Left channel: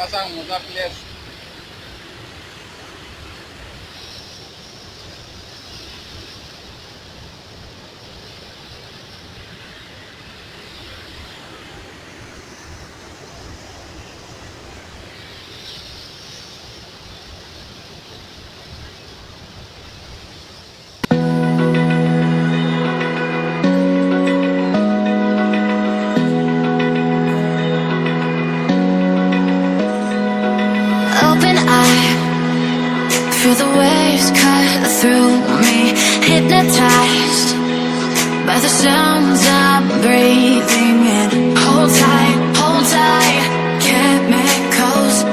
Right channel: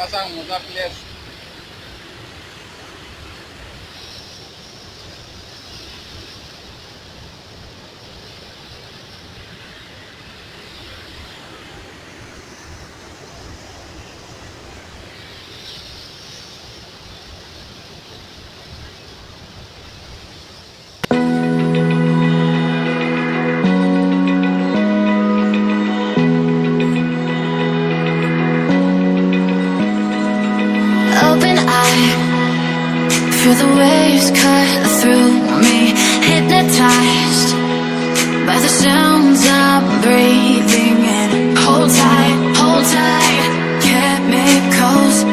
Pasang muka place. Open eye, feel the waves cut through me, hypnotized by the sounds I'm breathing in. Hold tight, chemicals